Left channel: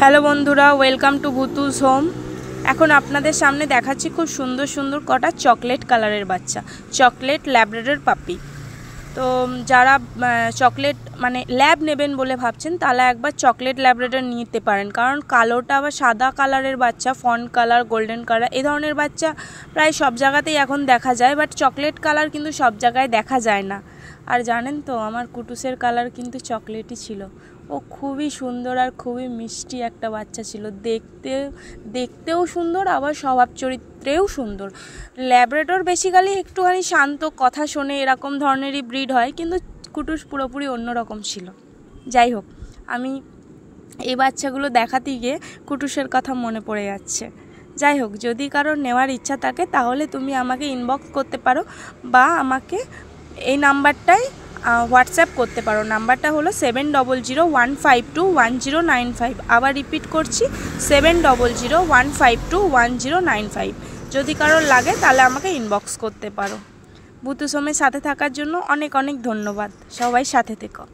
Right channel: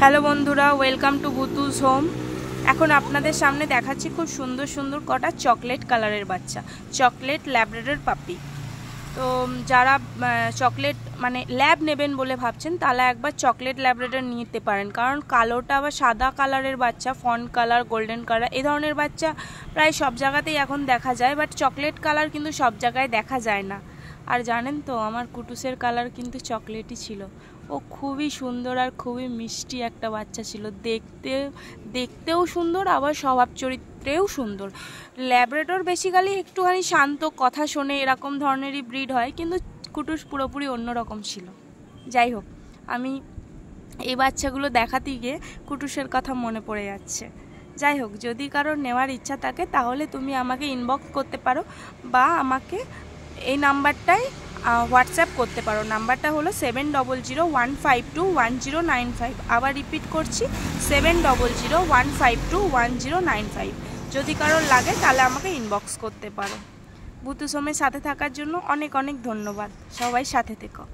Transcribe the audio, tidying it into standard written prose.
Hello বন্ধুরা, welcome to বুতুস home. এখন আপনাদের সামনে দেখাচ্ছি খুব সুন্দর সুন্দর কটা চকলেট কালারের বাচ্চা, চকলেট ল্যাব্রাডর পাপি। তো যারা চকলেট মানে ল্যাব নেবেন বলে ভাবছেন তাহলে একবার চকলেট ল্যাব্রাডর নিতে পারেন, কারণ কালোটা আবার সাদা কালারের বাচ্চা, ফন কালার, গোল্ডেন কালার এই ধরনের বাচ্চা প্রায় সব জায়গাতেই এখন দেখা যায়, বাট চকলেট কালার কিন্তু সব জায়গায় দেখা যায় না। আর জানেন তো, আমার কুটুসের কালার কিন্তু চকলেটই ছিল। ও খুবই সুন্দর আর খুবই মিষ্টি একটা বাচ্চা ছিল, দেখতেও সুন্দর, আবার স্বভাব চরিত্রেও সুন্দর। ল্যাব্রাডর বেসিক্যালি একটুখানি শান্ত, কথা শোনে, এরকম ধরনেরই ব্রিড হয়, কিন্তু কুটুস পুরোপুরি অন্যরকম ছিল। যাই হোক, আমি এই বাচ্চাগুলো দেখাতে গিয়ে কুটুসের কথা মনে পড়ে যাচ্ছে। যাই হোক, যদি কারোর নেওয়ার ইচ্ছা থাকে তাহলে তুমি আমাকে ইনবক্স করতে পারো বা আমাকে এই নাম্বারটায় হোয়াটসঅ্যাপ করতে পারো। নাম্বারটা হলো 7001521095। আবার রিপিট করছি, 7001521095। যদি কারোর লাগে তাহলে আমাকে ইনবক্স করতে পারো। বুতুস হোমের সাথে থাকার জন্য অনেক অনেক ধন্যবাদ। সবাই সাথে থেকো।